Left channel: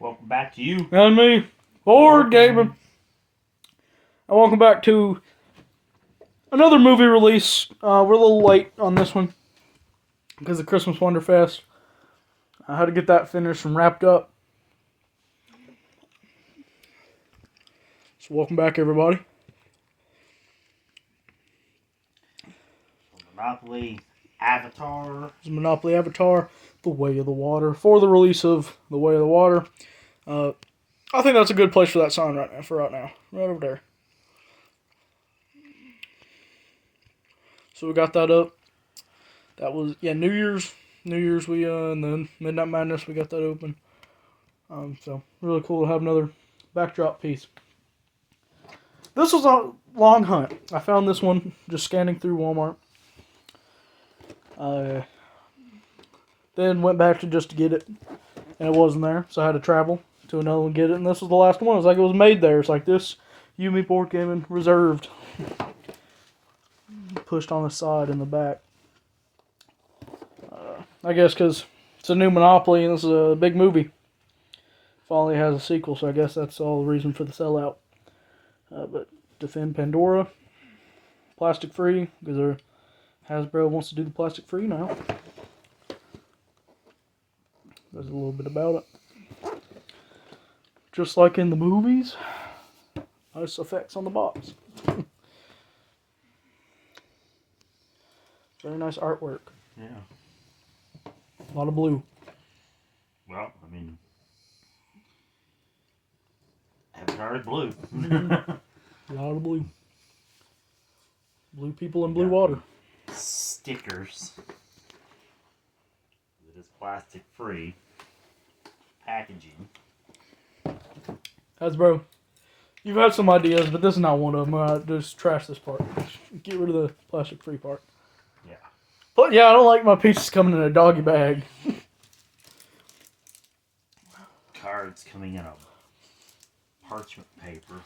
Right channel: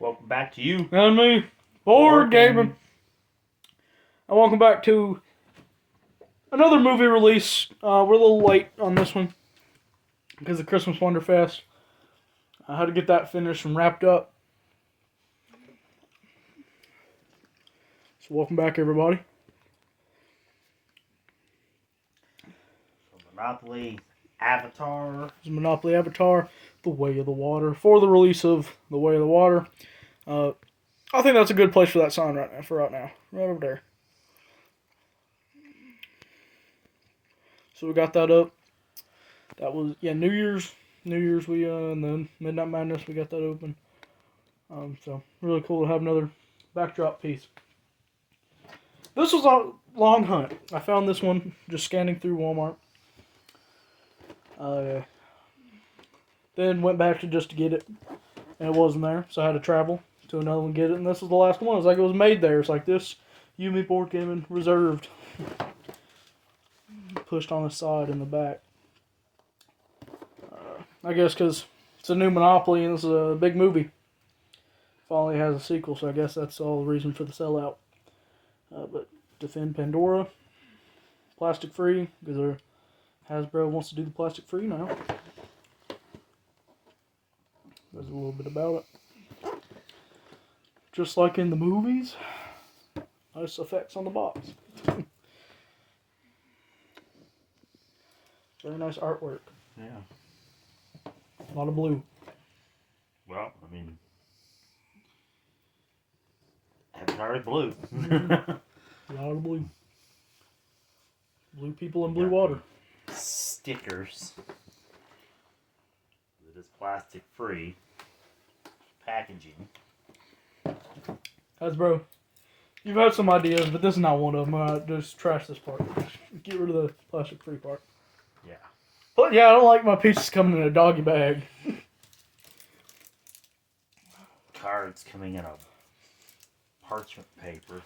Welcome back to you. And me, Board Gamer. And welcome back to another movie release. We're a little late on this one because of Christmas Wonderfest. I had to get that finished and wrapped up. So welcome back, everybody. Monopoly Avatar. Monopoly Avatar, The Way of the Water. For the release of The Way of the Water. I think that's a good place for that sign right now. Right over there. So we got that up. That was, New Year's we, and then Midnight Madness, we got that open. So really cool to have another backdrop piece. This was a long hunt. I found this one just scanning through Walmart. Then went back to just to get it, and it wasn't there, so I had to travel to another one and get it, and this was the last one. It was like it was made there. It's like this U&ME Board Gaming reserved. Pushed on the side and the back. I guess because it's a new Monopoly and this is a big movie. Finally has a sequel, so I guess that's all the reason for the sellout. But Defend Pandora, plastic free, because Hasbro wants to do the plastic free now. There's a little bit about it. Just like in the movies, nice effects on the box. Very nice artwork. Yeah. A lot of blue. Well, I mean, Avatar is blue. A lot of blue. Blue people and blue water. Stickers. It is plastic free packaging. Hasbro, you've had some ideas, but this is not one of them. Just trash this part. Get rid of the plastic free part. Yeah. But yeah, I don't like my pieces coming in a doggy bag. Cards coming in a parchment paper.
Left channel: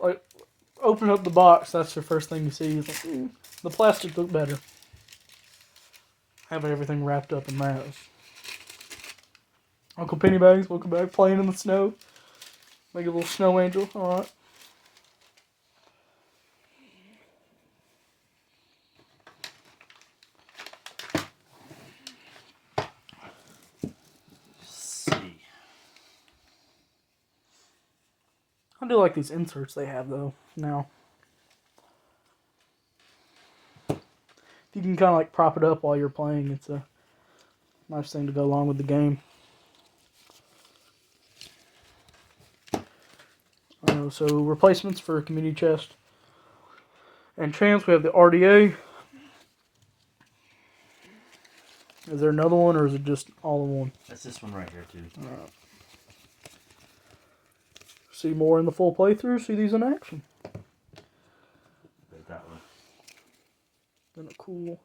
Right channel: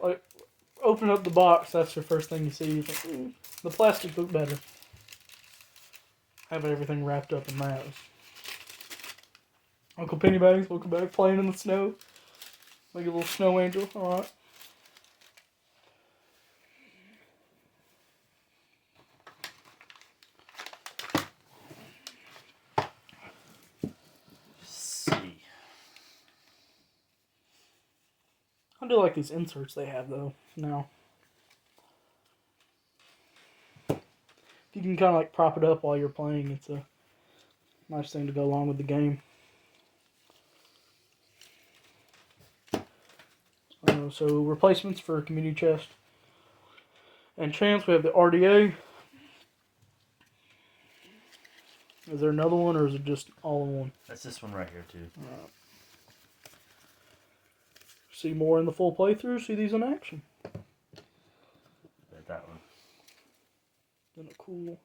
Like, open up the box, that's the first thing you see. You think, the plastic looked better. Having everything wrapped up in that. Uncle Pennybags, welcome back, playing in the snow. Make a little snow angel, alright. I do like these inserts they have, though, now. You can kind of like prop it up while you're playing. It's a nice thing to go along with the game. So replacements for community chest and chance. We have the RDA. Is there another one, or is it just all in one? That's this one right here too. All right. See more in the full playthrough. See these in action. There's that one. Been a cool.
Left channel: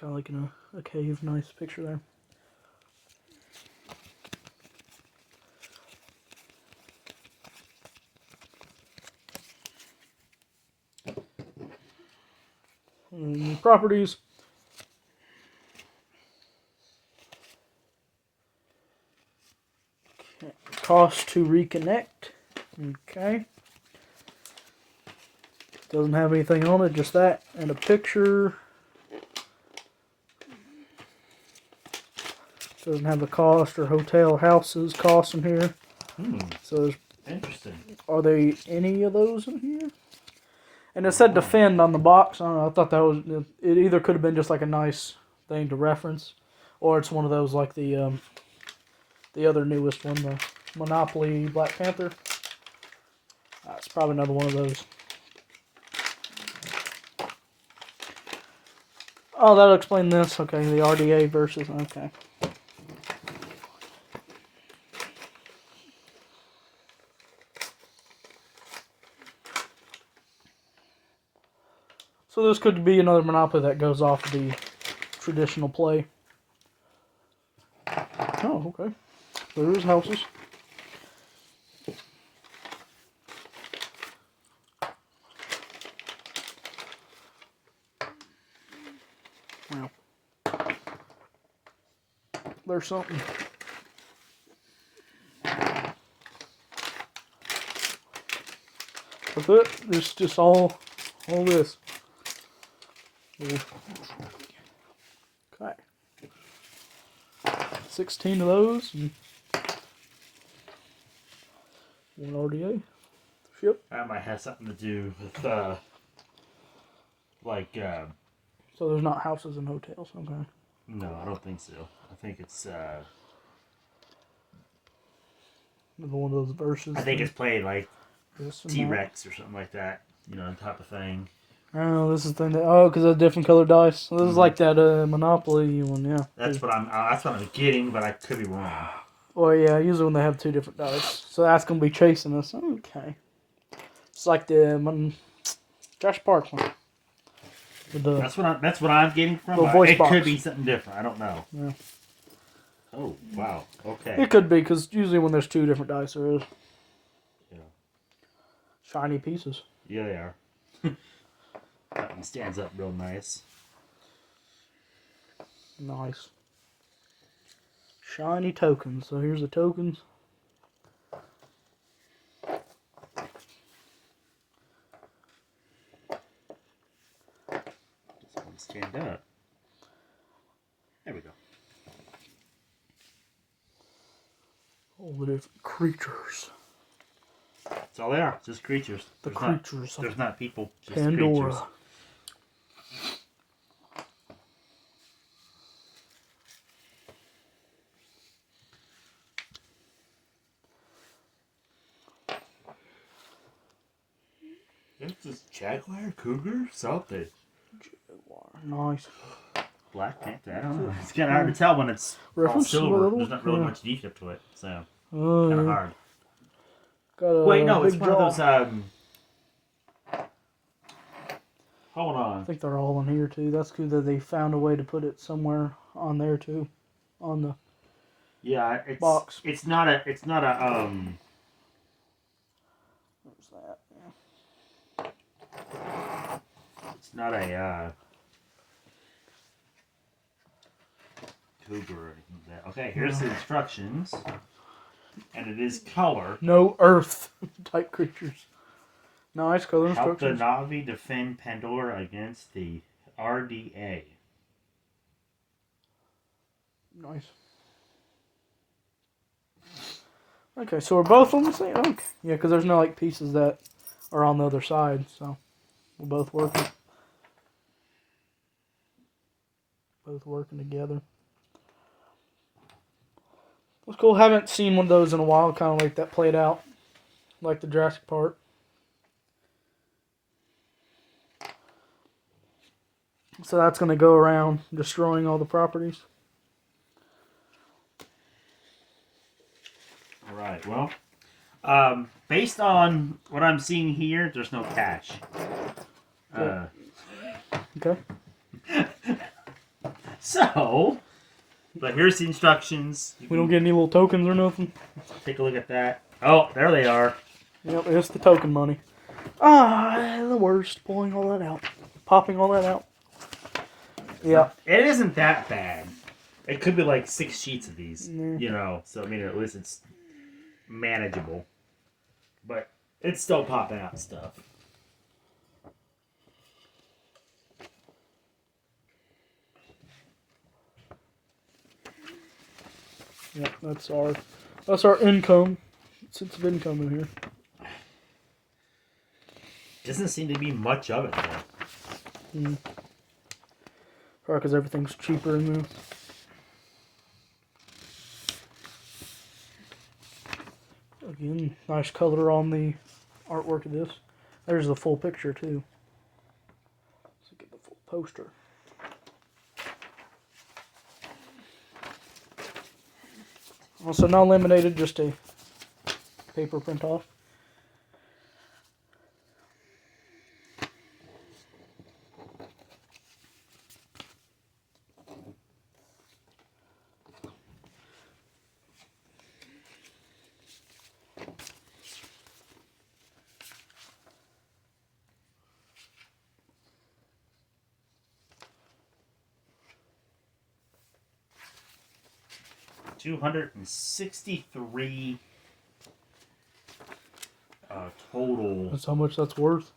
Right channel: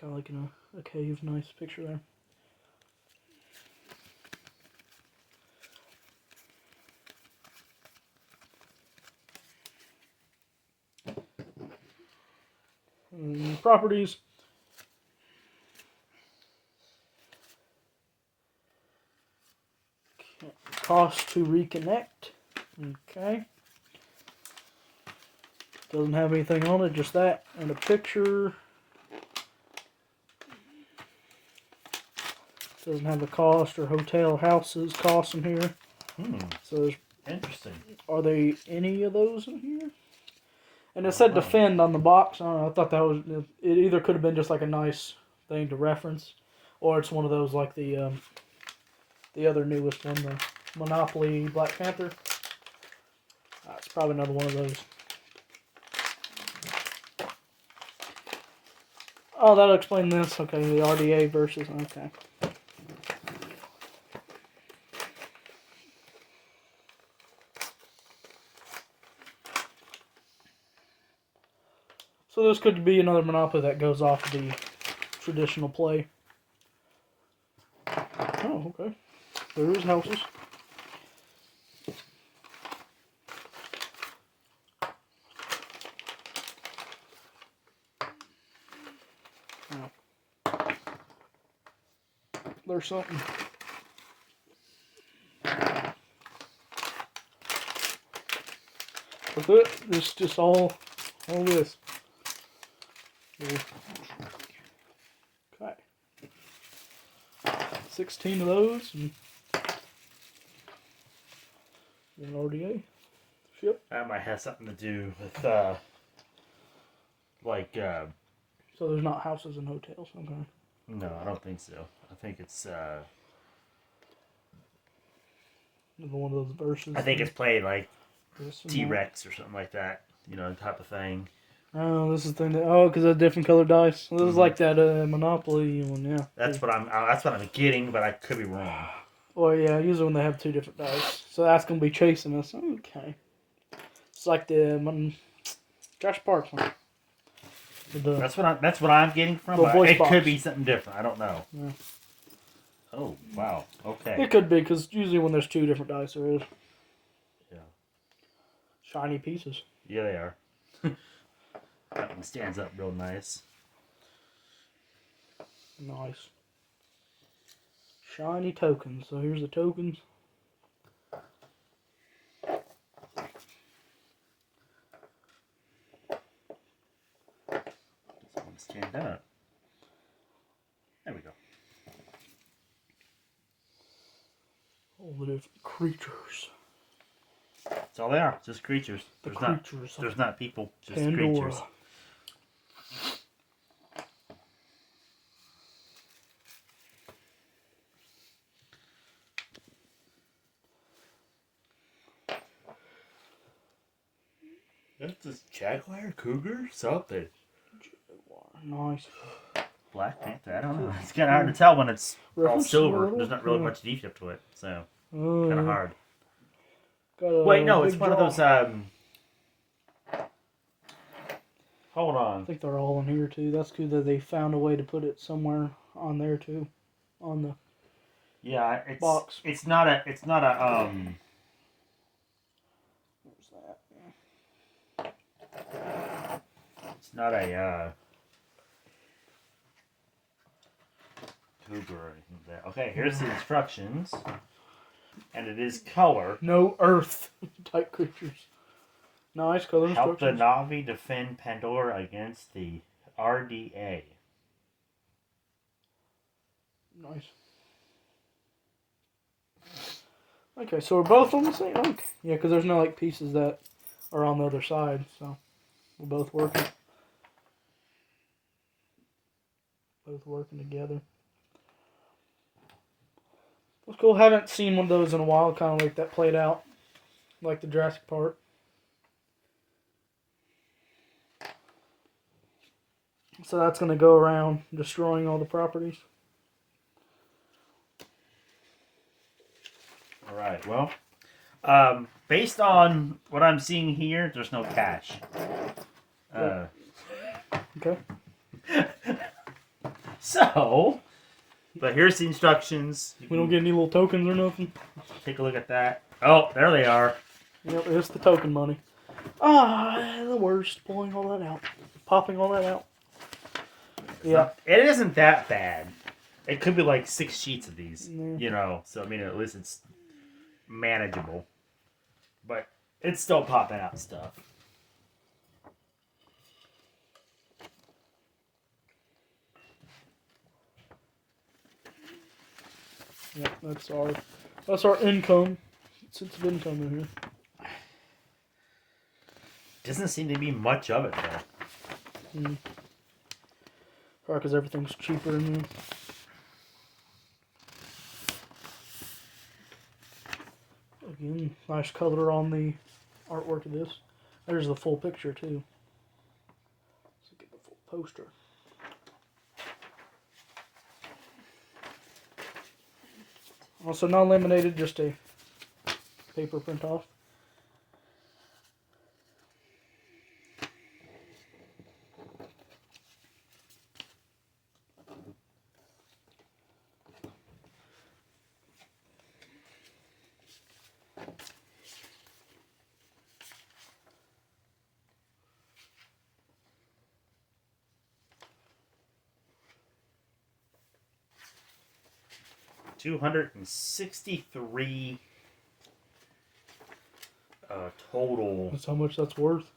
Kind of like in a cave. Nice picture there. And properties. Okay. Cost to reconnect. Okay. Doesn't have anything on it, just that and a picture. Doesn't have the cost or hotel houses cost in here. So interesting. Are there any of those in here? And it said Defend on the box. I don't know, I thought that was, it either could have been just like a nice thing to reference, or it's one of those like the other newest one, the Monopoly Black Panther. That's probably another one of those. Oh, that'll explain this. Okay, the RDA versus, okay. So this could be another Monopoly that goes off the traditional play. Oh, okay. There's houses. there's something. That's it. It's just all this. Okay. 16 of those and one RDA. Ship. That might have something to do with, So there's not houses and hotels. Okay. no, I don't think so. I think it's, Another one of those verses. I think it's played like this and T-Rex or something like that. You know, type of thing. that. Oh, this is the thing that. Oh, because of different colored dice. So this is like that Monopoly one, yeah. That's what I'm getting, but I could be wrong. Well, yeah, usually when they have two different dice. So that's going to be chasing us. Okay. It's like the Josh Parks one. That's what I'm getting from. Little voice It box. could be something different. I don't know. Yeah. Oh wow. Okay. It could be, because usually when there's two different dice, there is. Yeah. Shiny pieces. Yeah, they are. That one stands up real nice. Nice. Shiny tokens. So here's the tokens. Just want to stand up. There we go. All the different creatures. That's all they are. Just creatures. The There's creatures. Not, there's not people. Just Pandora. creatures. That's just jaguar, cougar, something. Nice. Black Panther. I don't know. It's kind of hard to tell when it's all Reference silver. little? There's not really Yeah. much detail to it, so Oh, kind of yeah. hard. Got a Wait, no, it's big one jaw. of those. Hold I on. think they're all in here too. That's cool that they found a way to put it somewhere on there too. On the Yeah, it's box. It's not a. Where's that? It's not a. Cougar or anything like that. Okay, here's the instructions, and it is color. No earth type creatures. Nice color Help the instructions. Navi defend Pandora against the RDA. Nice. Okay, so we're both on the same. Okay. Yeah, because there's no like pieces that are on the other side, so we're both working. Both working together. That's cool. Haven't seen one of those in a while. Kind of like that played out, like the Jurassic Park. So that's going to go around destroying all the properties. All right. Well, based on what I'm seeing here, there's no cash. Okay. So, but here's the instructions. We don't get any little tokens or nothing. Take a look at that. Oh, there they are. Yep, it's the token money. Ah, the worst. Pulling all that out. Popping all that out. Yeah. It isn't that bad. It could be like 6 sheets of these, Mm. you know. So I mean, at least it's manageable. But it's still popping out stuff. Yep, that's our income. Sense of income in here. Doesn't seem to be much of it though. Probably because everything's cheaper in there. Again, nice color on the artwork of this. There's the full picture too. So get the full poster. Also not laminated, just a paper print off. 263 total. That's how much that's worth.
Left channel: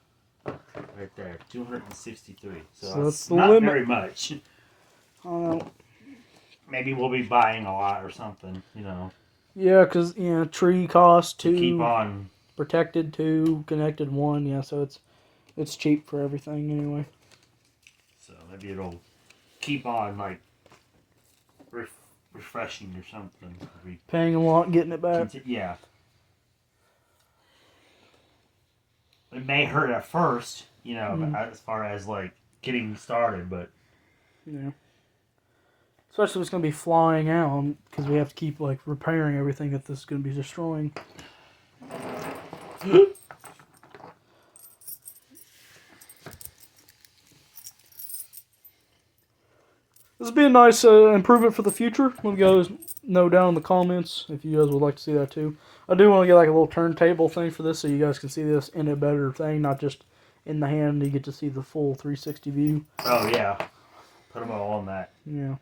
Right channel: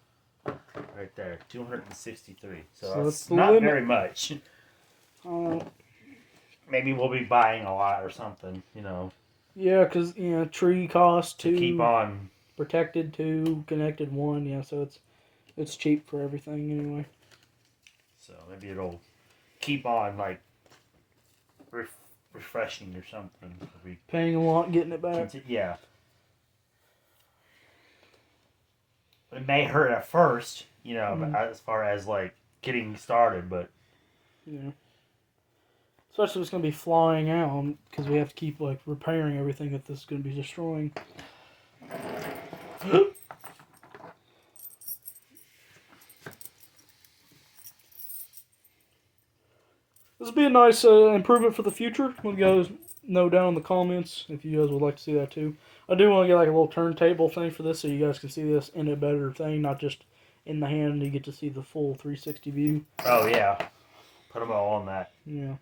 Right there, 263. So So that's the not limit. very much. Maybe we'll be buying a lot or something, you know. Yeah, because tree cost To 2, keep on. protected 2, connected 1. Yeah, so it's cheap for everything anyway. So maybe it'll keep on like refreshing or something. Paying a lot, getting it back. Yeah. It may hurt at first, you know, but as far as like getting started, but Yeah. Especially if it's going to be flying out, because we have to keep like repairing everything that this is going to be destroying. This would be a nice improvement for the future. Let you guys know down in the comments if you guys would like to see that too. I do want to get like a little turntable thing for this so you guys can see this in a better thing, not just in the hand. You get to see the full 360 view. oh yeah, put them all on that. Yeah.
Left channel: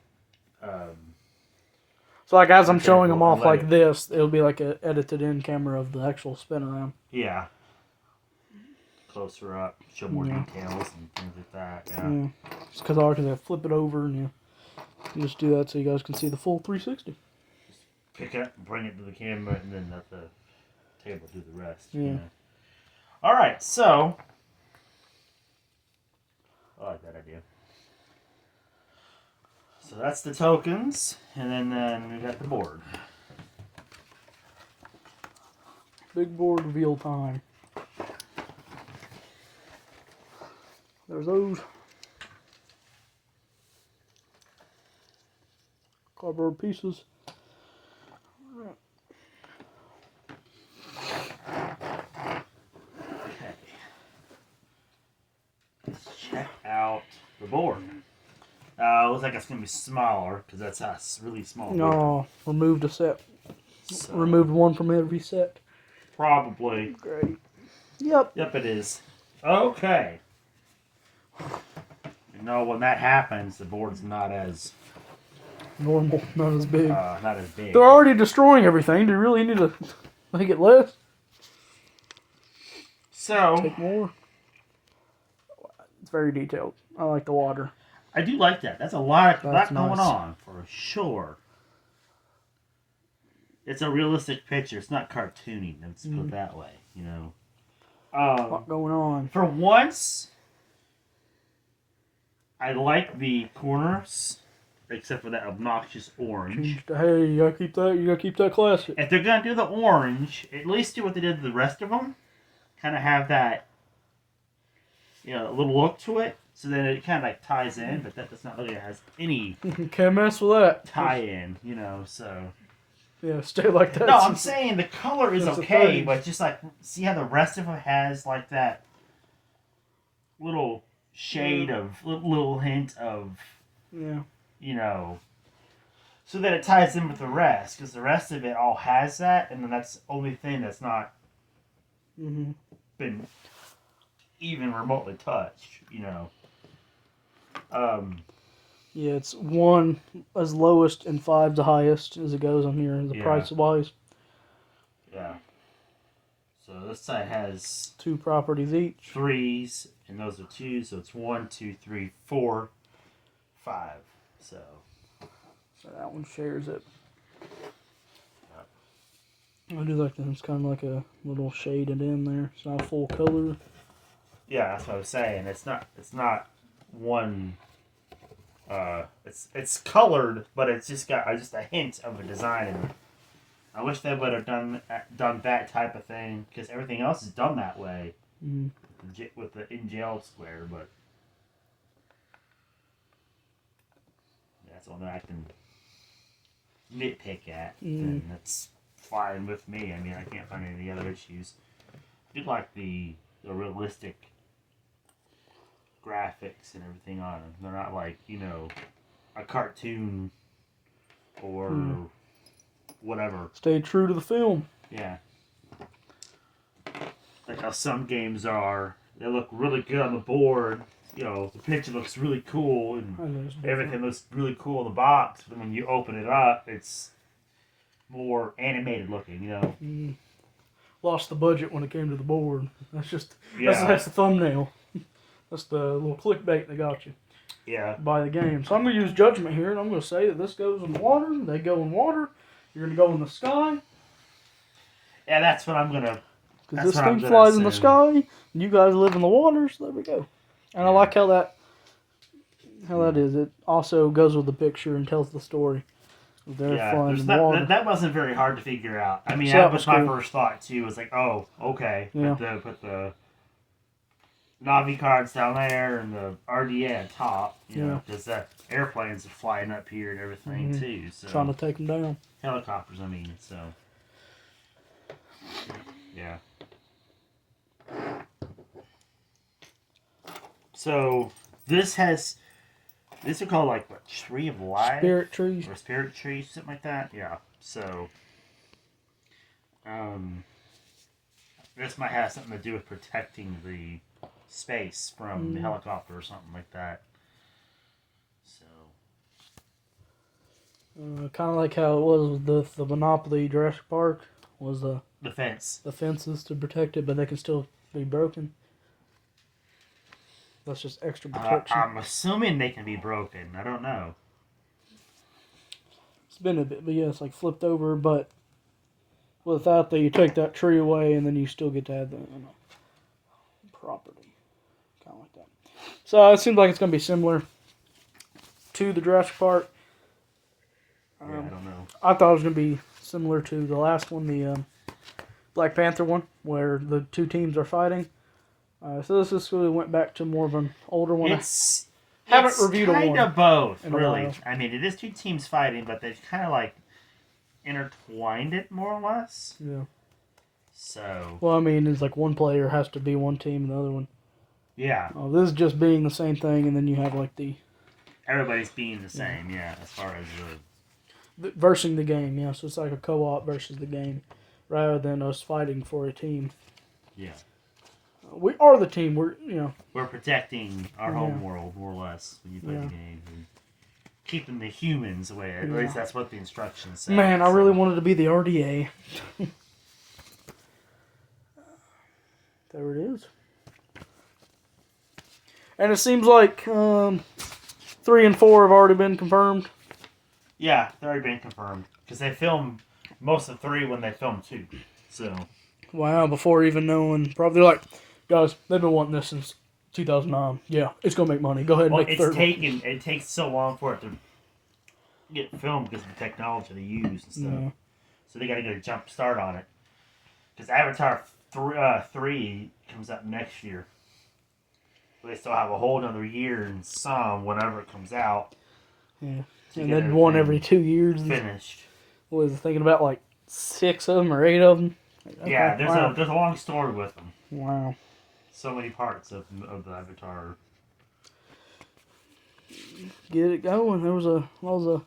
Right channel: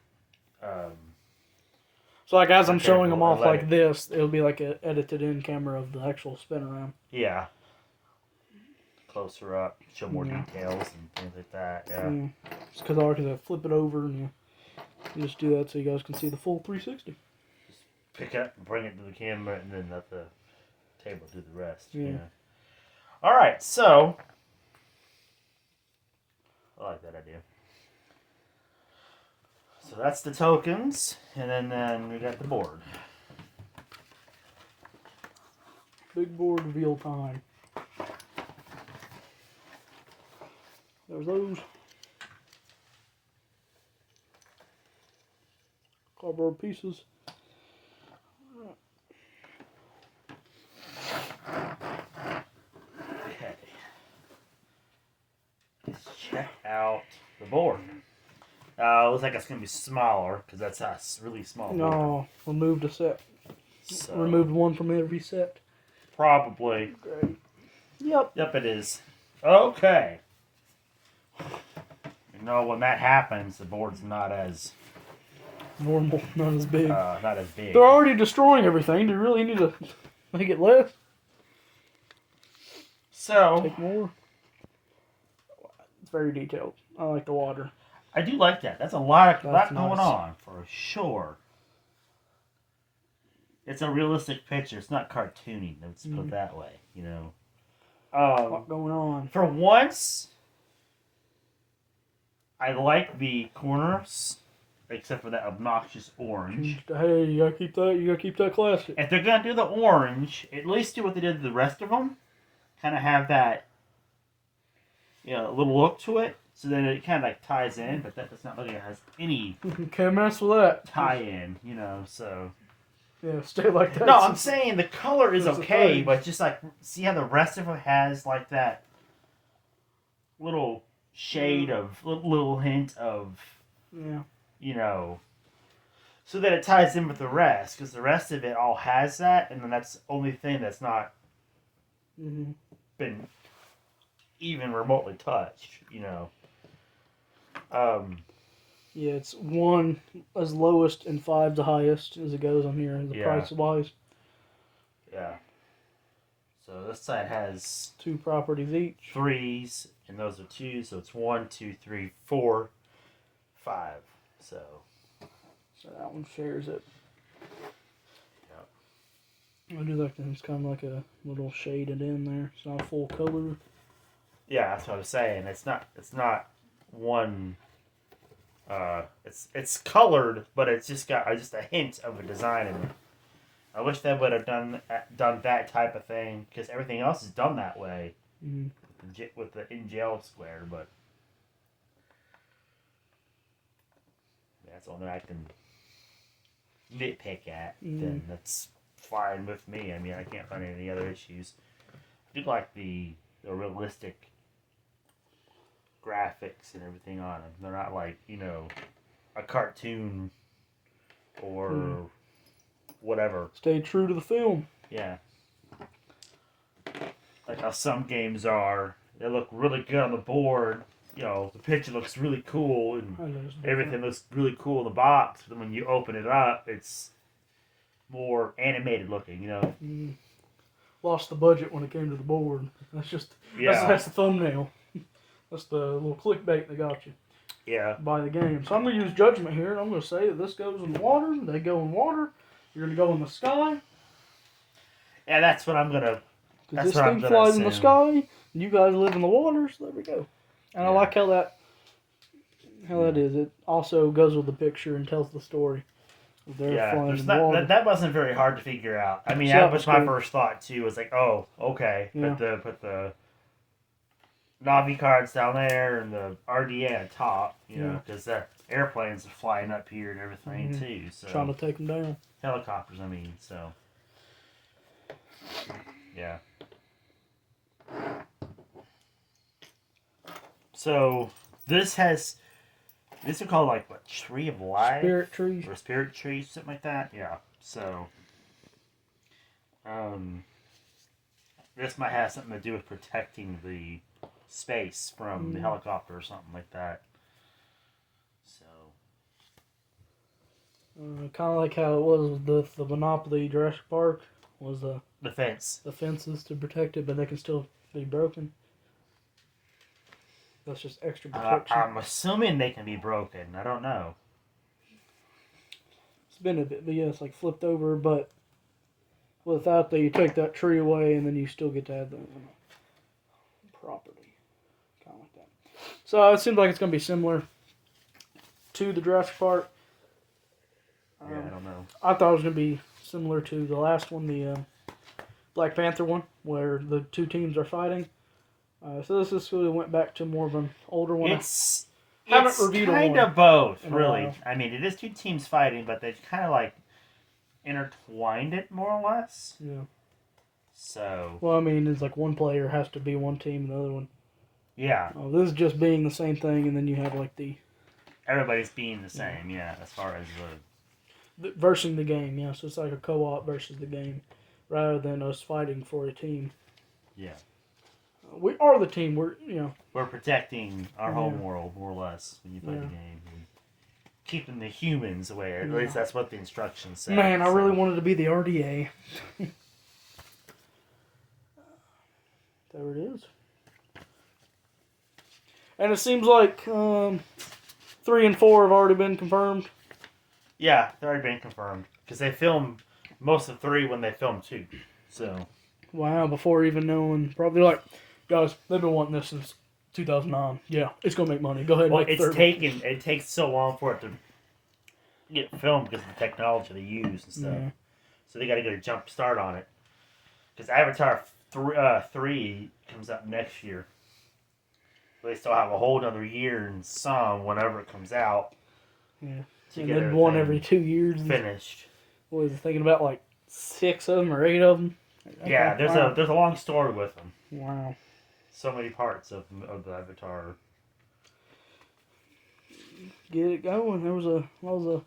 So like as I'm showing them off like it. this, it'll be like a edited in camera of the actual spin around. Yeah. Closer up, show more details and things like that. Yeah. Just because I flip it over and you just do that so you guys can see the full 360. Just pick it up and bring it to the camera and then let the table do the rest. Yeah. You know? All right, so I like that idea. So that's the tokens, and then we got the board. Big board reveal time. There's those. Cardboard pieces. Okay. Let's check out the board. Looks like it's going to be smaller, because that's a really small board. No, removed a set. So, Removed one from every set. probably. Great. Yep. Yep, it is. Okay. You know, when that happens, the board's not as Normal, not as big. not as big. They're already destroying everything. Do you really need to make it less? So Take more. It's very detailed. I like the water. I do like that. That's a lot going nice. on for sure. It's a realistic picture. It's not cartoony. Let's put it that way. You know. A lot going on. For once, I like the corners, except for that obnoxious orange. Hey, you gotta keep that. You gotta keep that classic. If they're gonna do the orange, at least do what they did to the rest of them. Kind of have that, you know, a little look to it, so that it kind of like ties in. But that does not look like it has any Can't mess with that. tie-in, you know. So Yeah, stay like that. no, I'm saying the color is Since the okay, 30s. but just like see how the rest of it has like that little shade of little hint of, Yeah. you know, so that it ties in with the rest, because the rest of it all has that, and then that's the only thing that's not been even remotely touched, you know. Yeah, it's 1 as lowest and 5 the highest as it goes on here, the price wise. Yeah. So this side has 2 properties each. 3s, and those are 2s, so it's 1, 2, 3, 4, 5. So that one shares it. Yep. I do like that. It's kind of like a little shaded in there. It's not full color. Yeah, that's what I was saying. It's not one. It's colored, but it's just got just a hint of a design in it. I wish they would have done that type of thing, because everything else is done that way with the in gel square. But that's the only I can nitpick at. And that's fine with me. I mean, I can't find any other issues. I do like the realistic graphics and everything on them. They're not like, you know, a cartoon or whatever. Stay true to the film. Yeah. Like how some games are. They look really good on the board. You know, the picture looks really cool and everything looks really cool in the box. But when you open it up, it's more animated looking, you know. Lost the budget when it came to the board. Yeah. That's the thumbnail. That's the little clickbait that got you. Yeah. By the game. So I'm going to use judgment here, and I'm going to say that this goes in water, they go in water, you're going to go in the sky. Yeah, that's what I'm going to... Because this thing flies in the sky, and you guys live in the water, so there we go. And I like how that is. It also goes with the picture and tells the story. They're flying in the water. That wasn't very hard to figure out. I mean, that was my first thought, too. It was like, oh, okay. Yeah. Put the Navi cards down there and the RDA on top, you know, because the airplanes are flying up here and everything, too. So trying to take them down. Helicopters, I mean, so. Yeah. So, these are called like, what, Tree of Life? Spirit trees. Or Spirit trees, something like that? Yeah. So, this might have something to do with protecting the space from the helicopter or something like that. So. Kind of like how it was with the Monopoly Jurassic Park. Was the fence. The fences to protect it, but they can still be broken. That's just extra protection. I'm assuming they can be broken. I don't know. It's been a bit, but yeah, it's like flipped over, but without that, you take that tree away, and then you still get to have the property. Kind of like that. So it seems like it's going to be similar to the Jurassic Park. Yeah, I don't know. I thought it was going to be similar to the last one, the Black Panther one, where the two teams are fighting. So this really went back to more of an older one. It's reviewed kind of both, really. while. I mean, it is two teams fighting, but they've kind of like intertwined it more or less. Yeah. So. Well, I mean, it's like one player has to be one team and the other one. Yeah. This is just being the same thing, and then you have like the. Everybody's being the same, yeah, as far as versing the game, yeah. So it's like a co-op versus the game, rather than us fighting for a team. Yeah. We are the team. We're protecting our home world more or less when you play the game, and keeping the humans away. At least that's what the instructions say. Man, I really wanted to be the RDA. There it is. And it seems like 3 and 4 have already been confirmed. Yeah, they've already been confirmed because they filmed most of 3 when they filmed 2. So. Wow, before even knowing, probably like. Guys, they've been wanting this since 2009. Yeah, it's gonna make money. Go ahead and make it's it takes so long for it to get filmed because of the technology they use and stuff. Yeah. So they got to get a jump start on it. Because Avatar 3 comes out next year. They still have a whole another year and some whenever it comes out. Yeah, and then one every 2 years. Finished. What was I thinking about? Like 6 of them or 8 of them. Okay, yeah, there's a long story with them. Wow. So many parts of the Avatar. Get it going. That was a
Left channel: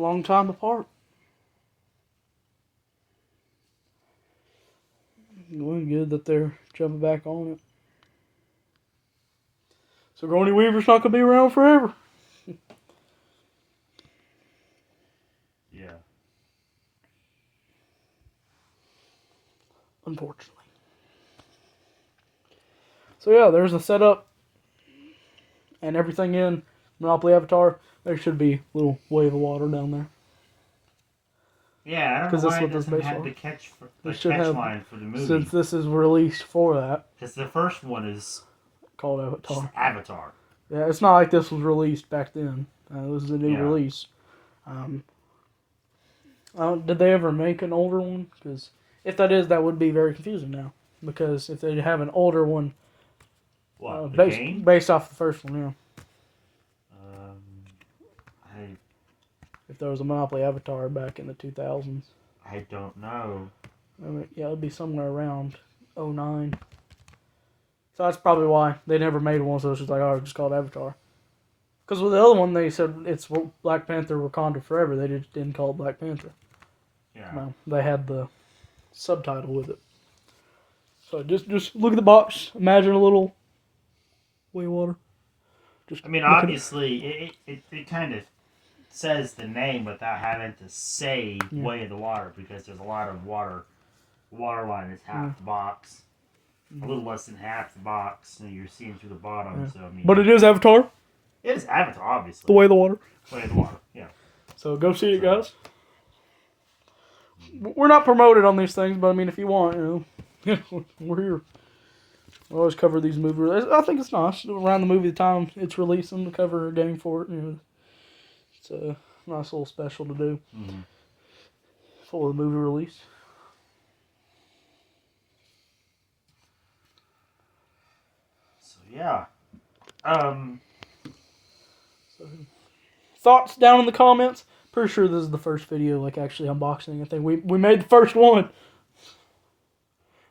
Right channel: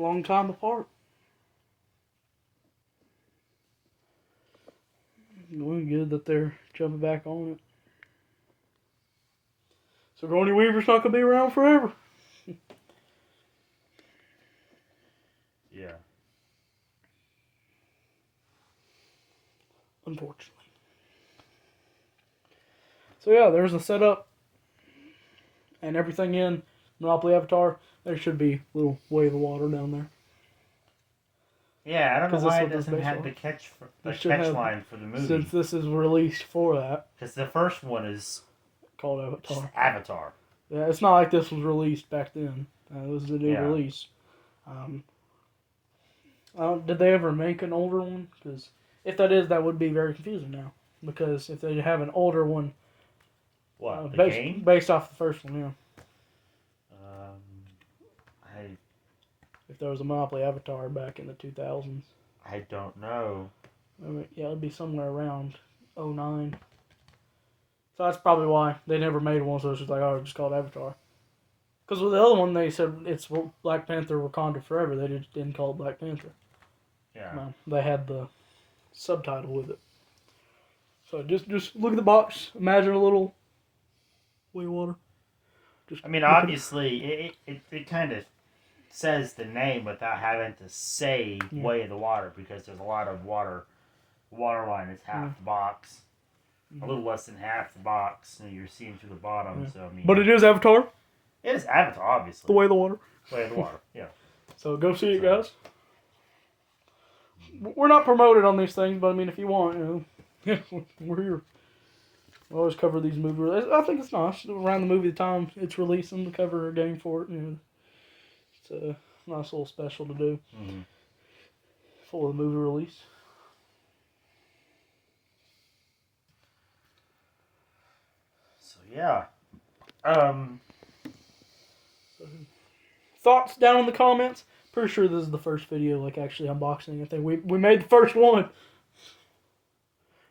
long time apart. Well, good that they're jumping back on it. So Sigourney Weaver's not gonna be around forever. Yeah. Unfortunately. So yeah, there's a setup and everything in Monopoly Avatar. There should be a little wave of water down there. Yeah, I don't know why it doesn't have the catch line for the movie. Since this is released for that. Because the first one is called Avatar. Just Avatar. Yeah, it's not like this was released back then. It was a new release. Did they ever make an older one? Because if that is, that would be very confusing now. Because if they have an older one, based off the first one, yeah. If there was a Monopoly Avatar back in the 2000s. I don't know. Yeah, it'd be somewhere around 2009. So that's probably why they never made one, so it's just like, oh, just called Avatar. Because with the other one, they said it's Black Panther Wakanda Forever. They didn't call it Black Panther. Yeah. No, they had the subtitle with it. So just look at the box. Imagine a little way of water. Obviously, it kind of says the name without having to say Yeah. Way of the Water, because there's a lot of water. The water line is half the box. A little less than half the box, and you're seeing through the bottom. Yeah. So I mean, But it is Avatar. It is Avatar, obviously. The Way of the Water. The Way of the Water, yeah. So go see it, guys. We're not promoted on these things, but I mean, if you want, we're here. We always cover these movies. I think it's nice around the movie time it's releasing to cover a game for it. It's a nice little special to do for the movie release. So yeah. Thoughts down in the comments. Pretty sure this is the first video, like, actually unboxing. I think we made the first one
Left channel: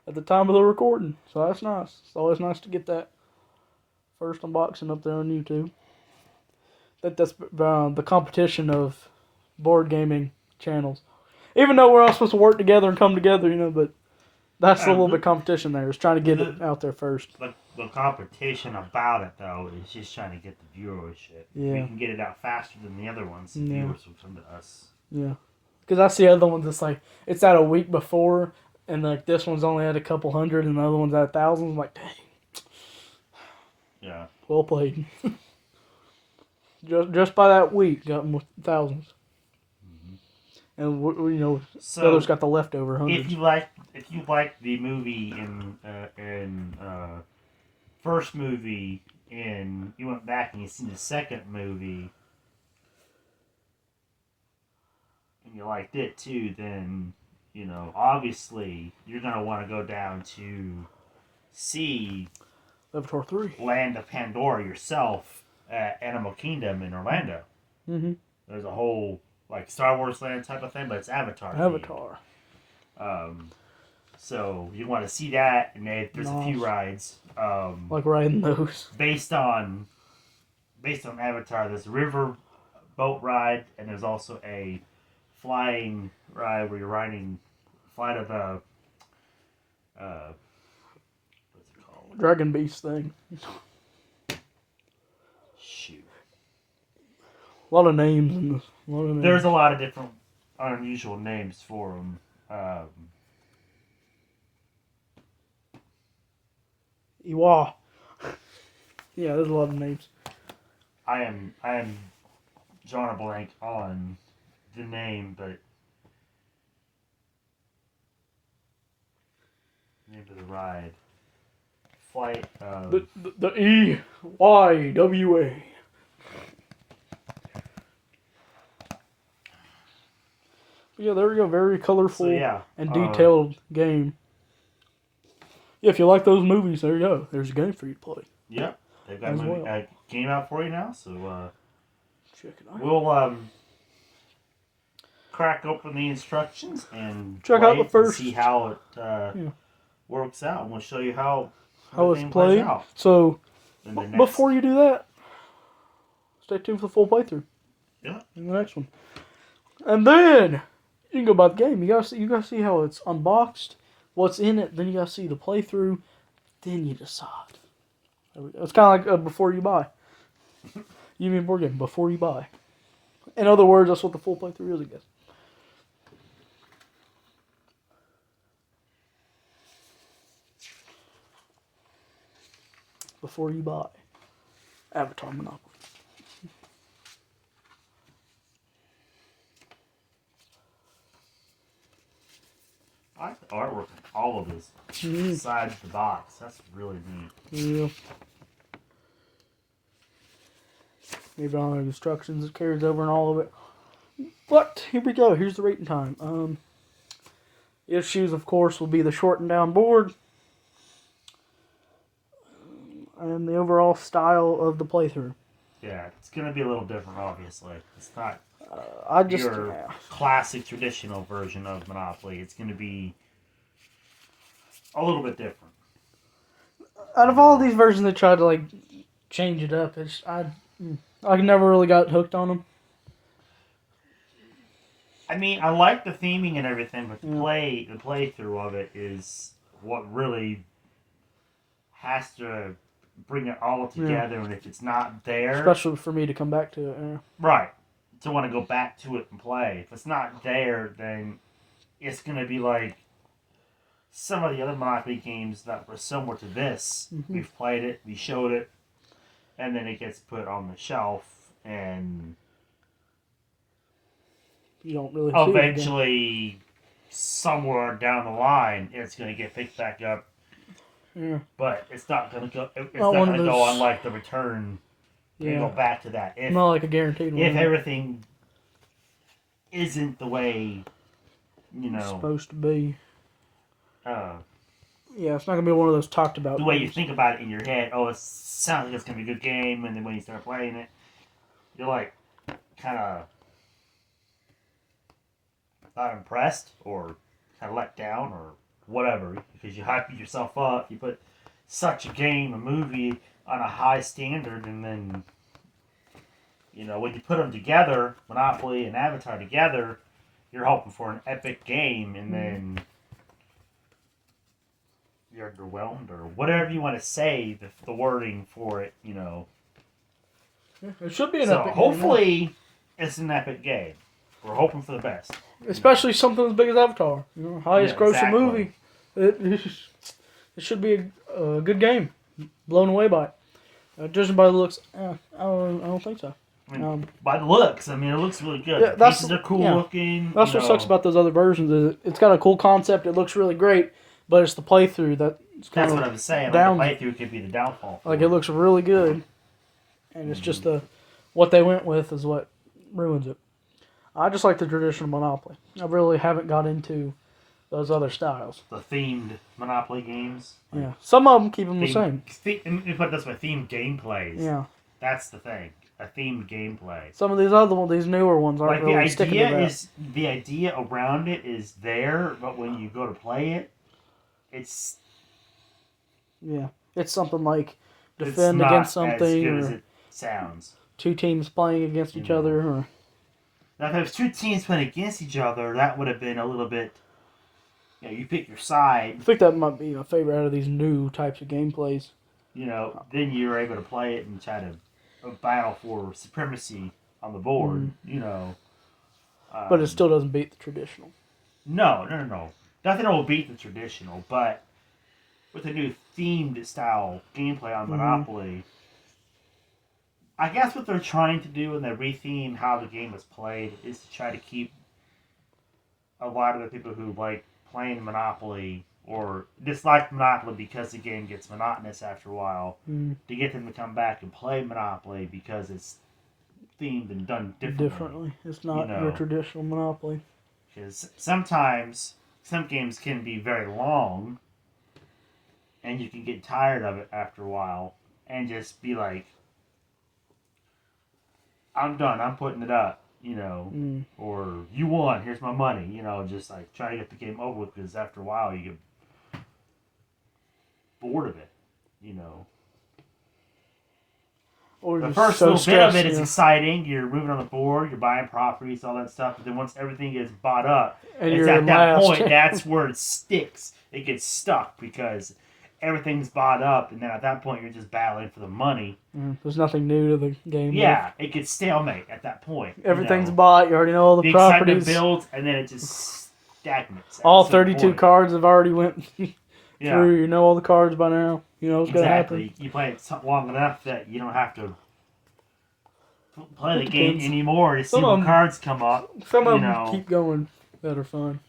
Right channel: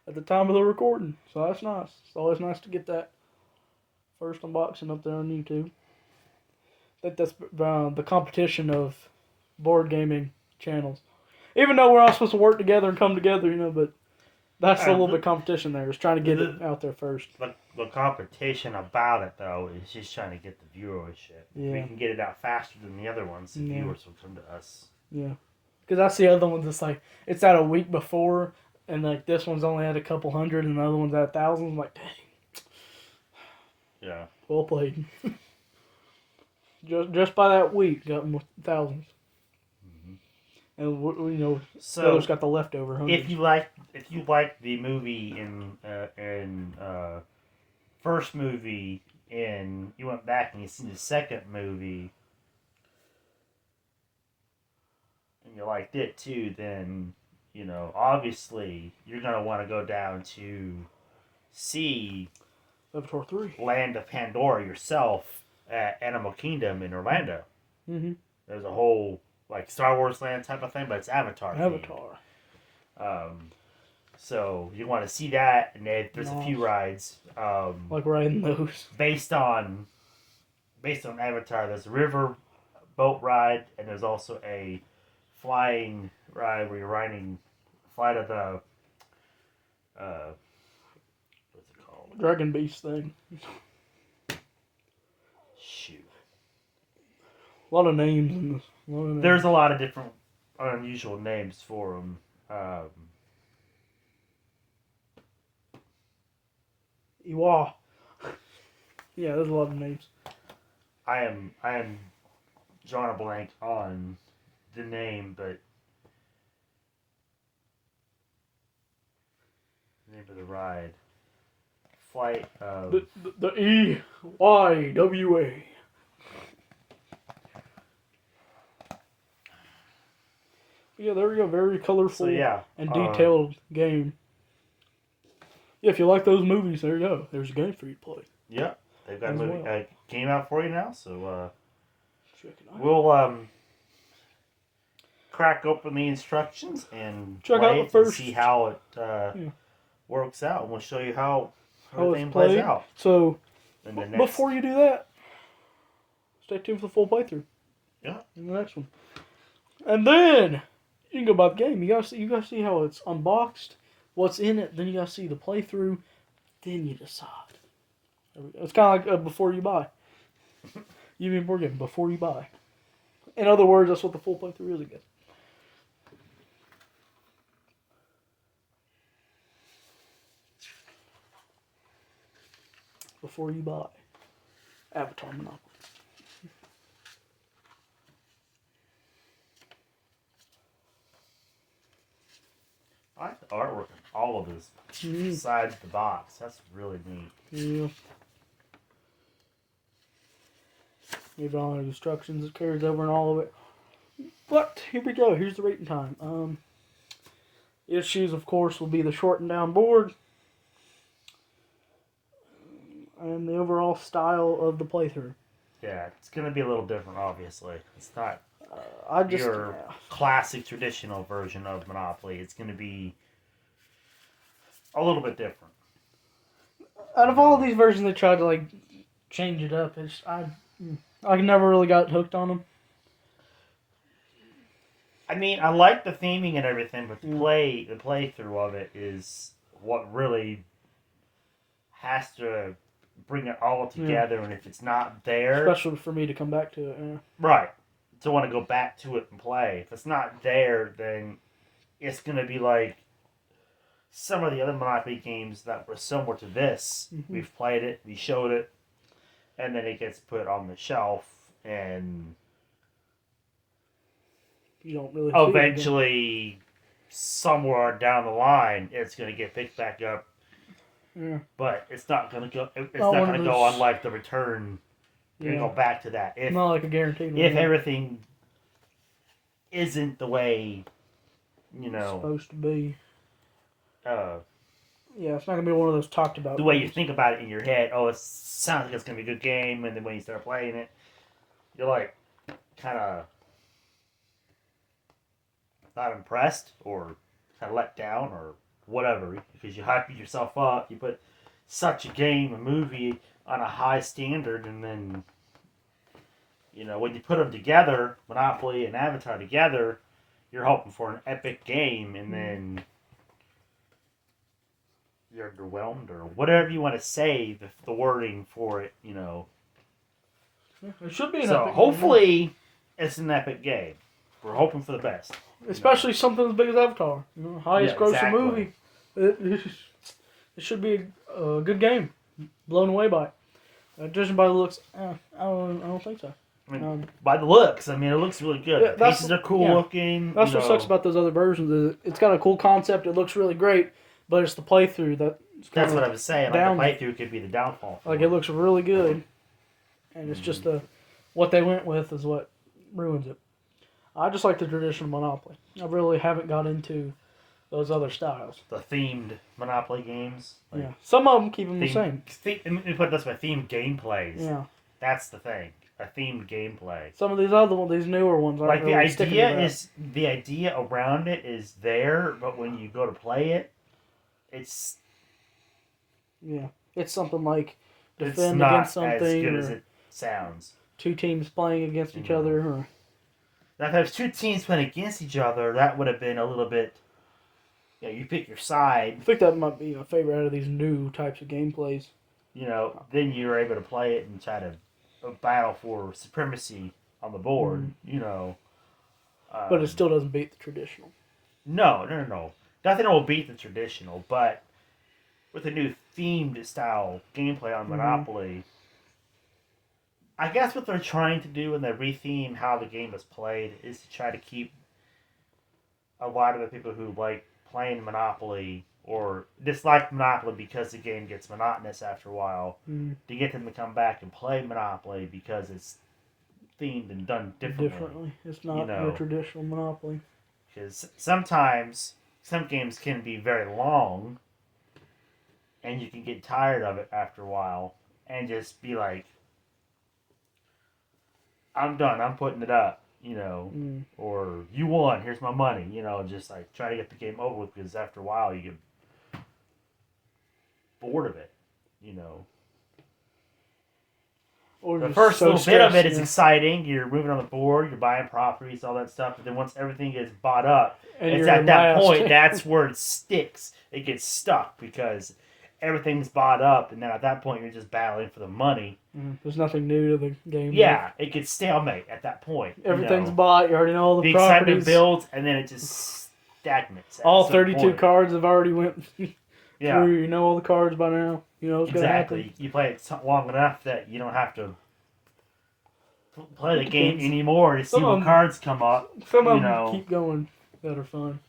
at the time of the recording, so that's nice. It's always nice to get that first unboxing up there on YouTube. I think that's the competition of board gaming channels. Even though we're all supposed to work together and come together, but that's a little bit of competition there. Is trying to get it out there first. The competition about it, though, is just trying to get the viewership. Yeah. We can get it out faster than the other ones. The viewers will come to us. Yeah. Because I see other ones, it's out a week before, and like this one's only at a couple hundred, and the other one's at thousands. I'm like, dang. Yeah. Well played. just by that week, got them with thousands. And so the others got the leftover hundreds. If you like the movie in first movie, and you went back and you seen the second movie, and you liked it too, then obviously you're gonna want to go down to see Avatar 3. Land of Pandora yourself at Animal Kingdom in Orlando. Mm-hmm. There's a whole Star Wars land type of thing, but it's Avatar. So you want to see that, and there's a few rides. Like riding those. Based on Avatar, there's a river boat ride, and there's also a flying ride where you're riding flight of the what's it called? Dragon Beast thing. Shoot. A lot of names in this. There's a lot of different unusual names for them. Iwa. Yeah, there's a lot of names. I am drawing a blank on the name, but name of the ride. Flight of The EYWA. Yeah, there we go. Very colorful and detailed game. Yeah, if you like those movies, there you go. There's a game for you to play. Yeah, they've got a movie game out for you now, so check it out. We'll crack open the instructions and check out the first. and see how it works out, and we'll show you how it's played. Out. So before you do that, stay tuned for the full playthrough. Yeah. In the next one, and then you can go buy the game. You gotta see how it's unboxed, what's in it. Then you gotta see the playthrough. Then you decide. There we go. It's kind of like before you buy. You mean board game before you buy. In other words, that's what the full playthrough is, I guess. Before you buy Avatar Monopoly. I like the artwork on all of this inside the box. That's really neat. Yeah. Maybe all the instructions it carries over and all of it. But here we go. Here's the rating time. Issues, of course, will be the shortened down board and the overall style of the playthrough. Yeah, it's going to be a little different, obviously. It's not your classic traditional version of Monopoly. It's going to be a little bit different. Out of all these versions, they tried to change it up. I never really got hooked on them. I mean, I like the theming and everything, but the playthrough of it is what really has to bring it all together. And if it's not there, especially for me to come back to it, right? to want to go back to it and play. If it's not there, then it's going to be like some of the other Monopoly games that were similar to this. Mm-hmm. We've played it, we showed it, and then it gets put on the shelf, and you don't really see eventually, somewhere down the line, it's going to get picked back up. Yeah. But it's not going to go. It's not going to go on like the return. You're going to go back to that. If, not like a guaranteed one. If everything isn't the way, it's supposed to be. Yeah, it's not going to be one of those talked about. The way you think about it in your head, it sounds like it's going to be a good game, and then when you start playing it, you're like, kind of not impressed, or kind of let down, or whatever, because you hype yourself up, you put such a game, a movie, on a high standard, and then, when you put them together, Monopoly and Avatar together, you're hoping for an epic game, and then you're underwhelmed, or whatever you want to say, the wording for it, Yeah, it should be an so epic hopefully, game. it's an epic game. We're hoping for the best. Especially something as big as Avatar. Highest grossing movie. It should be a good game. Blown away by it. Judging by the looks, I don't think so. I mean, by the looks, it looks really good. Yeah, the pieces are cool looking. That's what sucks about those other versions. Is it's got a cool concept. It looks really great, but it's the playthrough that's what I was saying. Like the playthrough could be the downfall. Like it looks really good, and it's just what they went with is what ruins it. I just like the traditional Monopoly. I really haven't got into those other styles. The themed Monopoly games. Yeah, some of them keep them the same. Let me put it this way: themed gameplays. Yeah, that's the thing. A themed gameplay. Some of these other ones, these newer ones, aren't like really sticking to that. The idea around it is there, but when you go to play it, it's something like defend against something, as good as it sounds. Two teams playing against each other, or now if there was two teams playing against each other, that would have been a little bit. Yeah, you pick your side. I think that might be my favorite out of these new types of gameplays. Then you're able to play it and try to battle for supremacy on the board. But it still doesn't beat the traditional. No. Nothing will beat the traditional, but with a new themed style gameplay on Monopoly, I guess what they're trying to do when they retheme how the game is played is to try to keep a lot of the people who like playing Monopoly or dislike Monopoly because the game gets monotonous after a while, to get them to come back and play Monopoly because it's themed and done differently. It's not your traditional Monopoly. Because sometimes some games can be very long, and you can get tired of it after a while, and just be like, I'm done, I'm putting it up, or you won, here's my money, just like try to get the game over with, because after a while you get bored of it, Or the first little bit of it is exciting. You're moving on the board, you're buying properties, all that stuff. But then once everything gets bought up, it's at that point that's where it sticks. It gets stuck because everything's bought up, and then at that point you're just battling for the money. There's nothing new to the game. Yeah, it gets stalemate at that point. Everything's bought. You already know all the properties. Excitement builds, and then it just stagnates. All 32 cards have already went through. Yeah. You know all the cards by now. You know what's going to happen. You play it long enough that you don't have to play the game anymore to see what cards come up. Some of them keep going that are fun.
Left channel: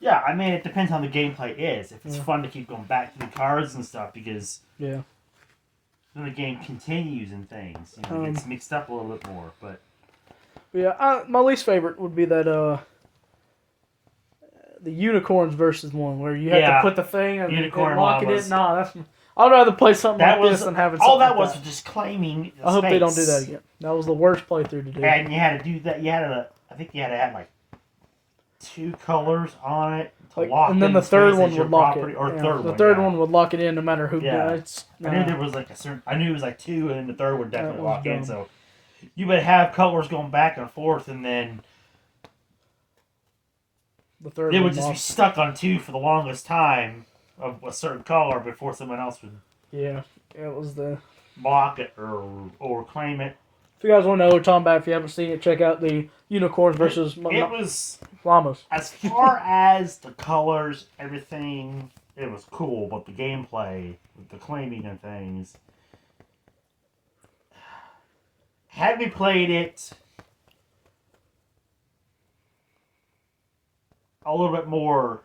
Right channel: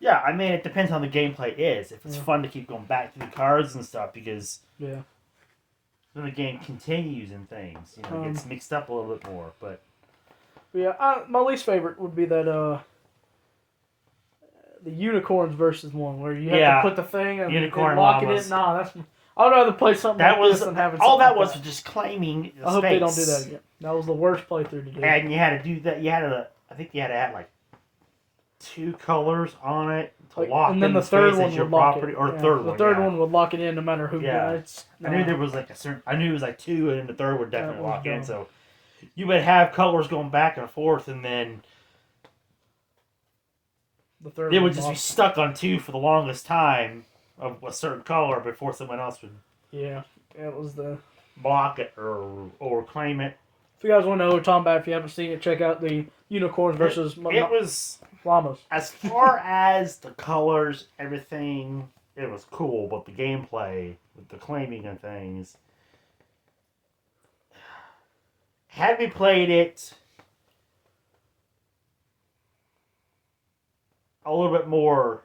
Yeah, I mean, it depends on the gameplay is. If it's fun to keep going back to the cards and stuff, because then the game continues and things. It gets mixed up a little bit more. But my least favorite would be that the unicorns versus one where you have to put the thing and lock it in. Nah, I'd rather play something like this than having something all that like was just claiming the I hope they don't do that again. That was the worst playthrough to do. And you had to do that. I think you had to have like 2 colors on it to lock. And then the third one would lock it. The third one would lock it in no matter who. I knew there was like I knew it was like 2, and then the third would definitely lock in. So you would have colors going back and forth, and then the third it would just be stuck on 2 for the longest time of a certain color before someone else would. Yeah, it was the block it or claim it. If you guys want to know what we're talking about, if you haven't seen it, check out the unicorns versus It was llamas. as far as the colors, everything. It was cool, but the gameplay, with the claiming and things. Had we played it a little bit more,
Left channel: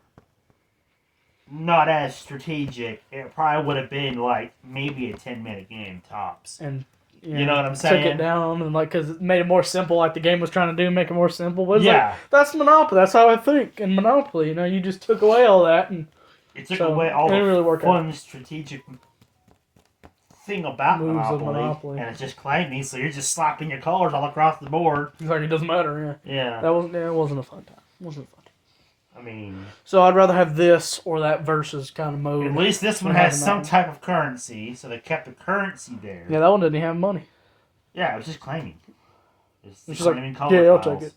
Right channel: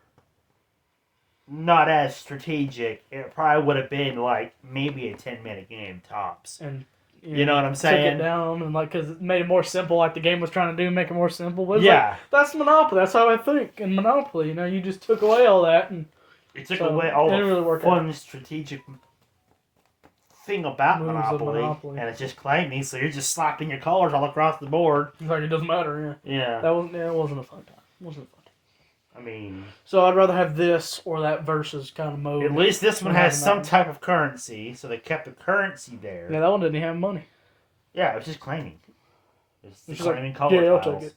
not as strategic, it probably would have been like maybe a 10-minute game tops. And you know what I'm saying? Took it down and because it made it more simple, like the game was trying to do, make it more simple. But yeah, that's Monopoly. That's how I think. In Monopoly, you just took away all that, and it took away all the really fun strategic thing about moves Monopoly, of Monopoly, and it's just claiming. So you're just slapping your colors all across the board. Like it doesn't matter. Yeah. It wasn't a fun time. It wasn't fun. I mean, so I'd rather have this or that versus kind of mode. At least this one has some type of currency, so they kept the currency there. Yeah, that one didn't have money. Yeah, it was just claiming. It's just claiming color yeah, I'll take it.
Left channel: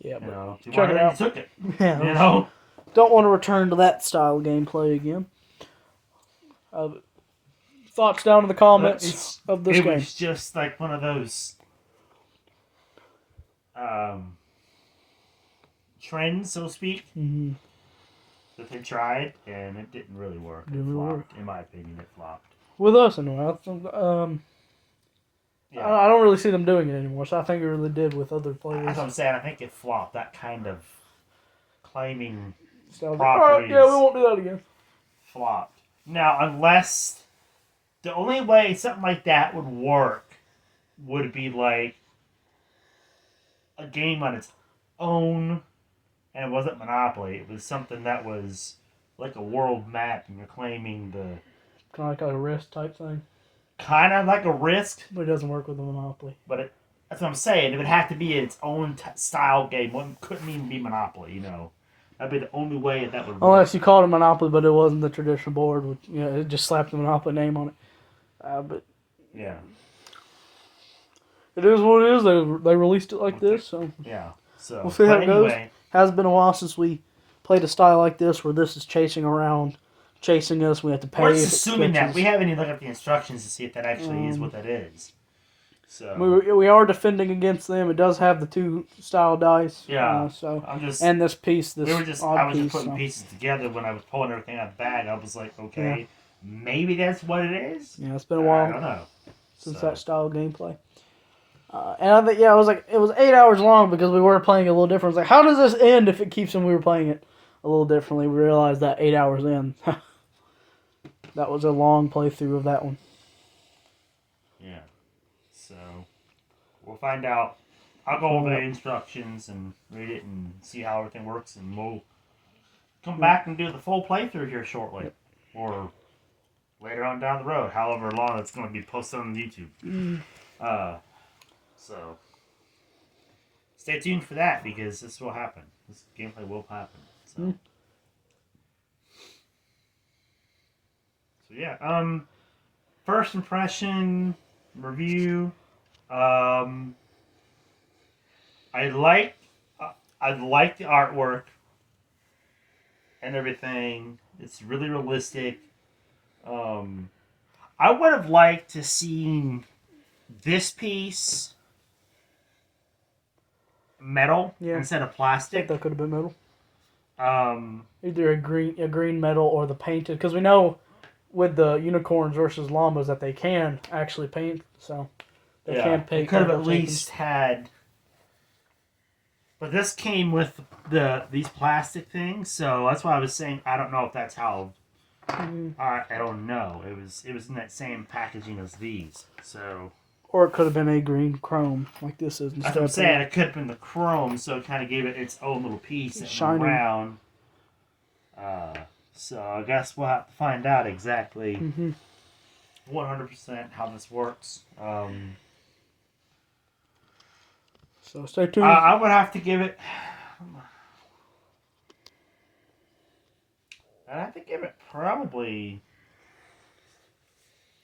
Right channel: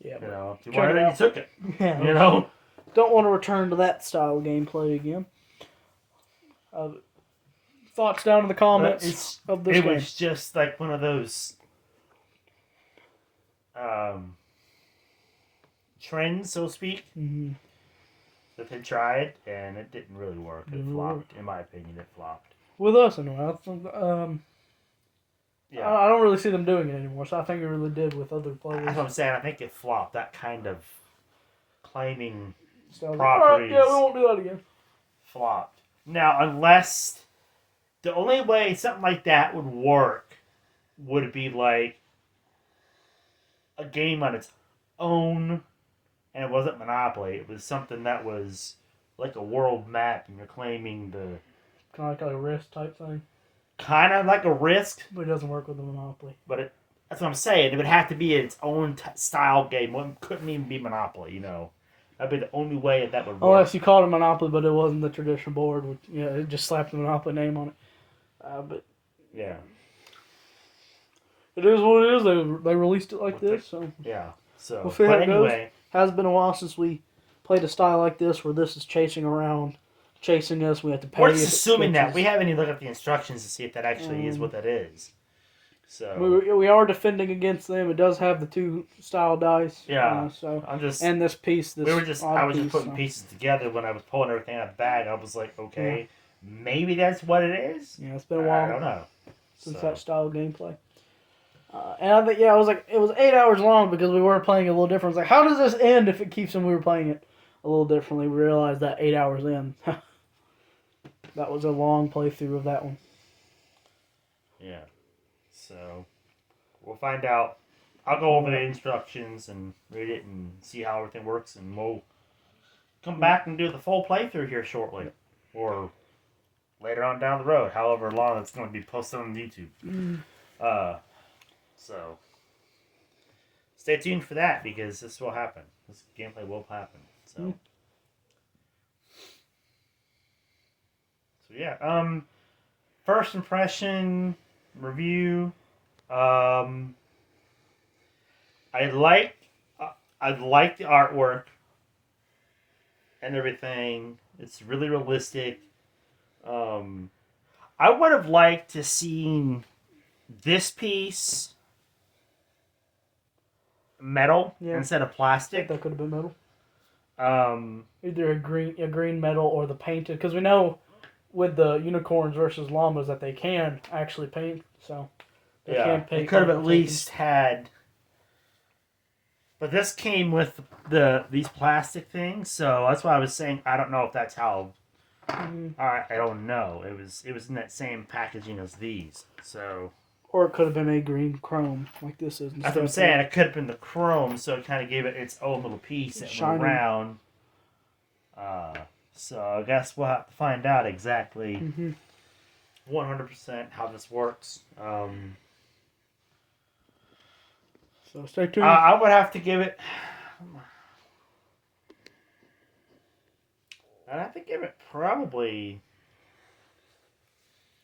Yeah, but check it out. Took it. Yeah, you know. Don't want to return to that style of gameplay again. Thoughts down in the comments of this game. It was just like one of those trends, so to speak, that they tried, and it didn't really work. It flopped. In my opinion, it flopped. With us, anyway. Yeah. I don't really see them doing it anymore, so I think it really did with other players. That's what I'm saying. I think it flopped. That kind of claiming properties. Right, yeah, we won't do that again. Flopped. Now, unless the only way something like that would work would be like a game on its own, and it wasn't Monopoly. It was something that was like a world map, and you're claiming the kind of like a Risk type thing. Kind of like a Risk, but it doesn't work with the Monopoly. But that's what I'm saying. It would have to be its own style game. It couldn't even be Monopoly. You know, that'd be the only way that would work. Unless you called it Monopoly, but it wasn't the traditional board. Which, it just slapped the Monopoly name on it. But yeah, it is what it is. They released it like this, so yeah. So we'll see how it goes. Has been a while since we played a style like this, where this is chasing us. We have to pay. We're just assuming that we haven't even looked at the instructions to see if that actually is what that is. So we are defending against them. It does have the 2 style dice. Yeah. So I'm just and this piece. I was just putting pieces together when I was pulling everything out of the bag. I was like, okay. Maybe that's what it is. Yeah, it's been a while. I don't know. Since that style of gameplay. And I think, it was 8 hours long because we were playing a little different. It's like, how does this end if it keeps we were playing it a little differently? We realized that 8 hours in. That was a long playthrough of that one. Yeah. So, we'll find out. I'll go over the instructions and read it and see how everything works, and we'll come back and do the full playthrough here shortly. Or later on down the road, however long it's going to be posted on YouTube. So stay tuned for that, because this will happen. This gameplay will happen. So yeah. First impression review. I like the artwork and everything. It's really realistic. I would have liked to seen this piece metal instead of plastic. I think that could have been metal. Either a green metal or the painted, because we know with the unicorns versus llamas that they can actually paint, so they can paint. They could have at least had. But this came with these plastic things, so that's why I was saying I don't know if that's how. I don't know. It was in that same packaging as these, so. Or it could have been a green chrome, like this is. That's what I'm saying. It could have been the chrome, so it kind of gave it its own little piece that went around. So I guess we'll have to find out exactly 100% how this works. So stay tuned. I would have to give it. I'd have to give it probably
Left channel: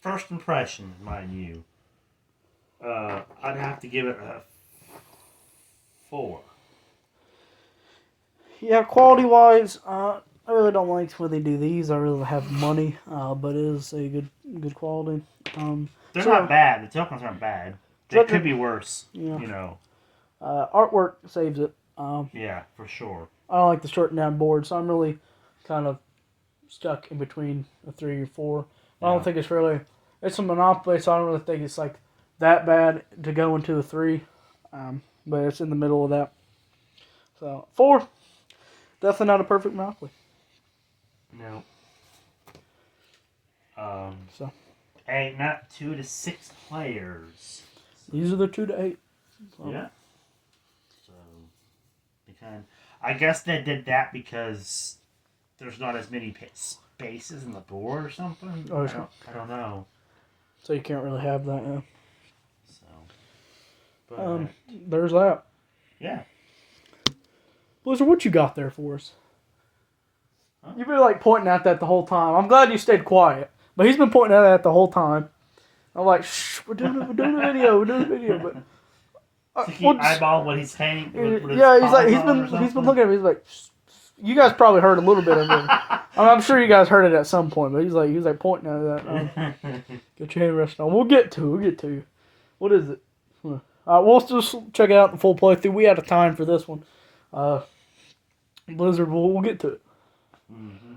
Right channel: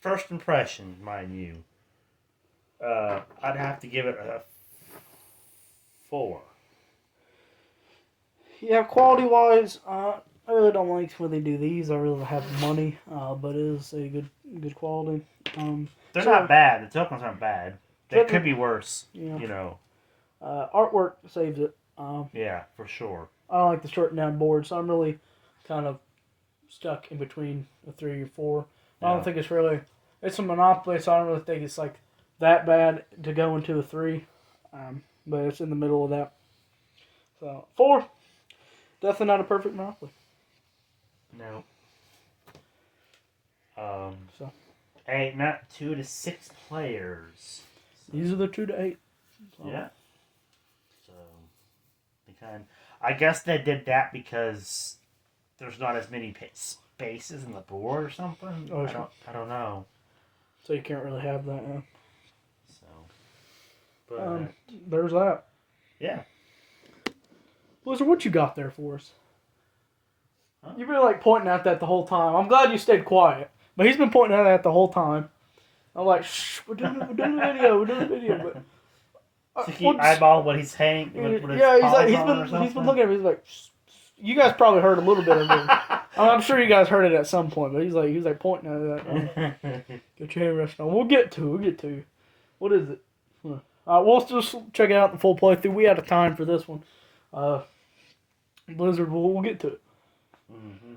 first impression, mind you. I'd have to give it a 4. Yeah, quality wise, I really don't like when they do these. I really have money, but it is a good quality. They're not bad. The tokens aren't bad. That could be worse. Yeah. You know. Artwork saves it. Yeah, for sure. I don't like the shortened down board, so I'm really kind of stuck in between a 3 or 4. I don't think it's really. It's a Monopoly, so I don't really think it's like that bad to go into a 3. But it's in the middle of that. So 4, definitely not a perfect Monopoly. No. So 8, not 2 to 6 players. these are the 2 to 8. So. Yeah. So, I guess they did that because there's not as many spaces in the board or something. Oh, I don't know. So you can't really have that. Yeah. So, but, there's that. Yeah. Blizzard, what you got there for us? Huh? You've been like pointing at that the whole time. I'm glad you stayed quiet, but he's been pointing at that the whole time. I'm like, shh, we're doing a video, but. So he eyeball what he's saying. Yeah, he's been looking at me. He's like, you guys probably heard a little bit of it. I'm sure you guys heard it at some point, but he's like pointing at that. Get your hand rested on. We'll get to. What is it? We'll just check out the full playthrough. We out of time for this one. Blizzard, we'll get to it. Mm-hmm.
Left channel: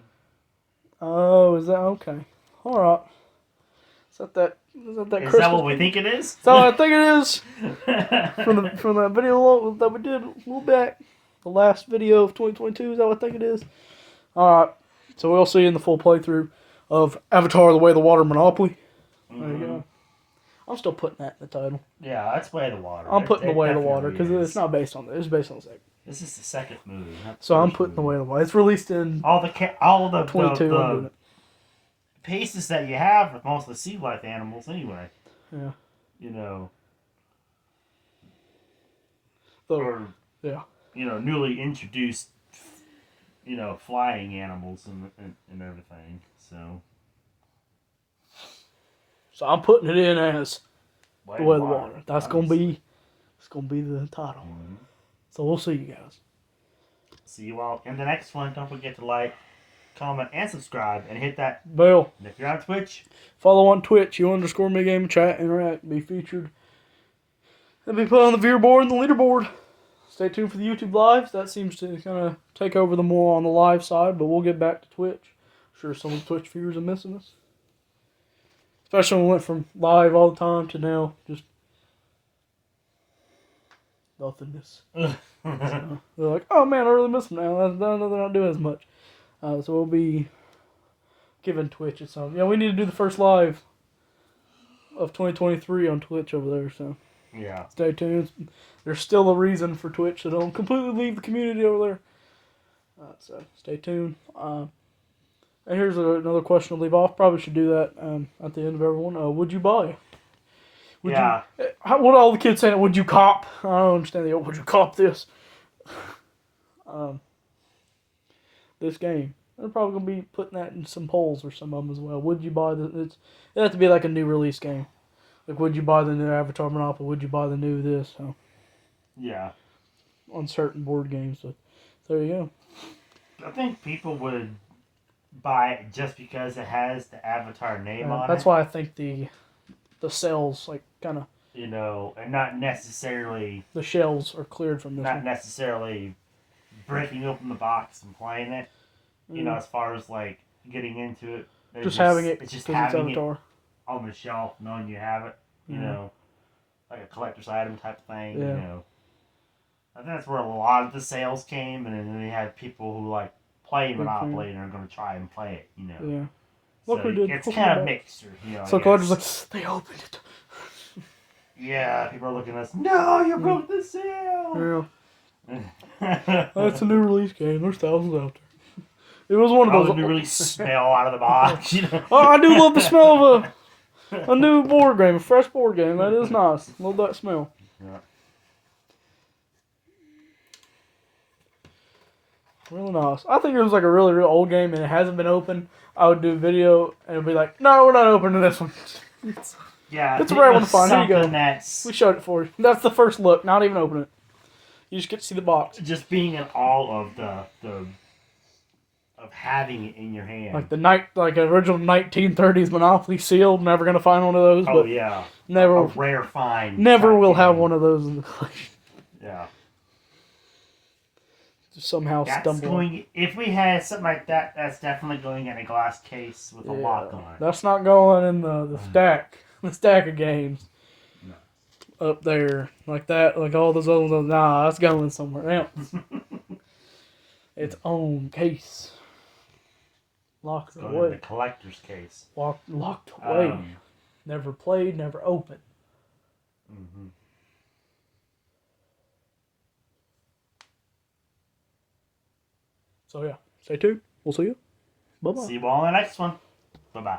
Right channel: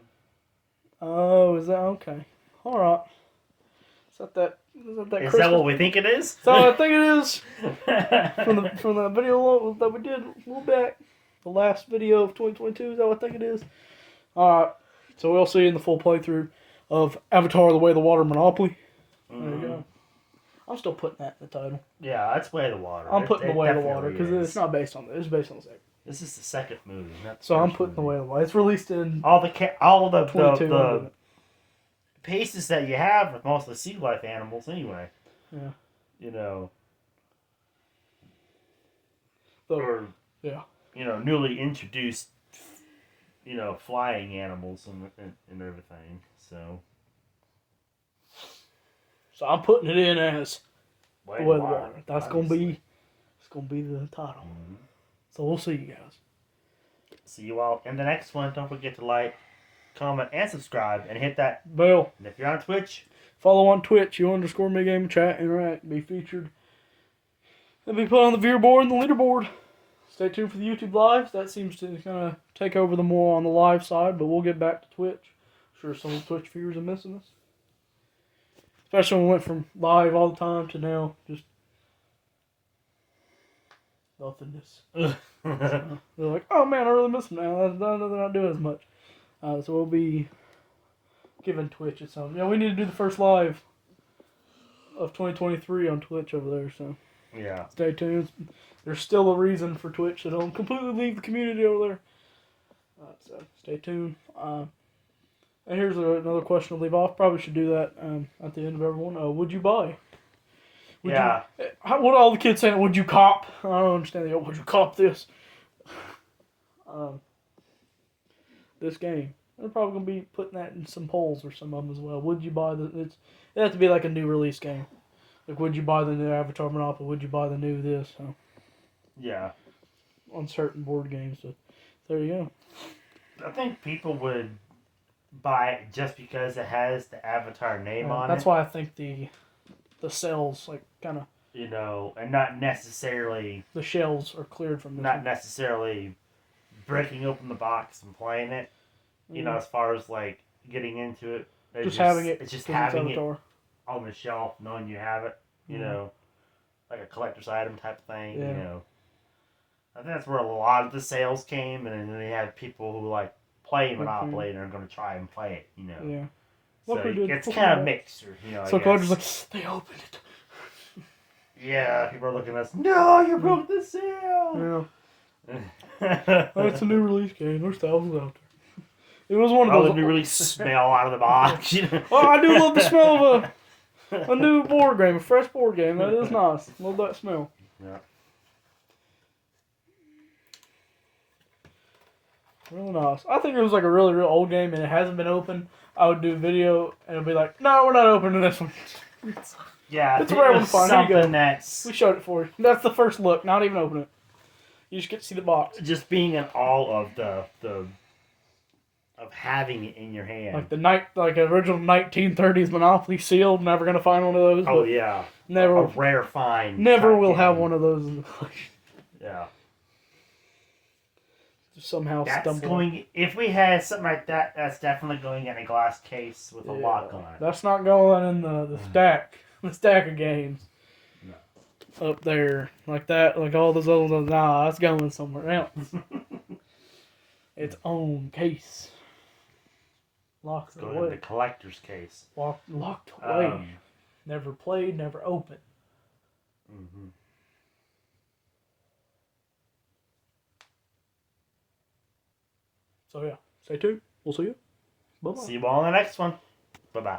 Oh, is that okay? All right. Is that Is that what we think it is? So I think it is from the video that we did a little back, the last video of 2022. Is that what I think it is? All right. So we'll see you in the full playthrough of Avatar: The Way of the Water Monopoly. There you go. I'm still putting that in the title. Yeah, that's Way of the Water. I'm putting The Way of the Water because it's not based on that. It's based on the second. This is the second movie. So I'm putting The Way of the Water. It's released in all the 22. The pieces that you have with most of the sea life animals anyway. Yeah. You know. Or newly introduced, flying animals and everything. So I'm putting it in as Way of the Water. That's gonna be the title. Mm-hmm. So we'll see you guys. See you all in the next one. Don't forget to like, comment, and subscribe, and hit that bell. And if you're on Twitch, follow on Twitch. U_ME chat, interact, be featured, and be put on the viewer board and the leaderboard. Stay tuned for the YouTube lives. That seems to kind of take over the more on the live side, but we'll get back to Twitch. I'm sure some of the Twitch viewers are missing us. Especially when we went from live all the time to now just nothingness. So, they're like, oh man, I really miss them now. They're not doing as much. So we'll be giving Twitch a some. Yeah, we need to do the first live of 2023 on Twitch over there. So yeah, stay tuned. There's still a reason for Twitch, so don't completely leave the community over there. So stay tuned. And here's another question to leave off. Probably should do that at the end of everyone. Would you buy? What are all the kids saying? Would you cop? I don't understand. Would you cop this? This game. They're probably going to be putting that in some polls or some of them as well. Would you buy it has to be like a new release game. Like, would you buy the new Avatar Monopoly? Would you buy the new this? So, yeah. On certain board games. So, there you go. I think people would buy it just because it has the Avatar name on it. That's why I think the sales, like, kind of... and not necessarily... The shells are cleared from this Not one. necessarily breaking open the box and playing it. As far as, like, getting into it. Just having it. It's just having it on the shelf, knowing you have it. Like a collector's item type thing, I think that's where a lot of the sales came, and then they had people who, like, play Monopoly and are going to try and play it, Yeah. So it's kind of mixed. So collectors like, they opened it. Yeah, people are looking at us, no, you broke the seal! Yeah. That's a new release game. There's thousands out there. It was one of those... Probably really smell out of the box. Oh, I do love the smell of a new board game, a fresh board game. That is nice. Love that smell. Yeah. Really nice. I think it was like a really, real old game and it hasn't been opened. I would do a video and it'd be like, no, we're not opening this one. Yeah, it's a rare one to find. Here you go. That's... We showed it for you. That's the first look. Not even open it. You just get to see the box. Just being in awe of of having it in your hand. Like the original 1930s Monopoly sealed. Never gonna find one of those. Oh but yeah. Never, a rare find. never will shotgun. have one of those in the collection. Yeah. Just somehow That's stumble. going. If we had something like that, that's definitely going in a glass case with a lock on it. That's not going in the stack. The stack of games. No. Up there. Like that. Like all those other ones. Nah, that's going somewhere else. Its own case. Locked Going in away. the collector's case. Locked away. Never played, never opened. Mm-hmm. So yeah, stay tuned. We'll see you. Bye-bye. See you all in the next one. Bye-bye.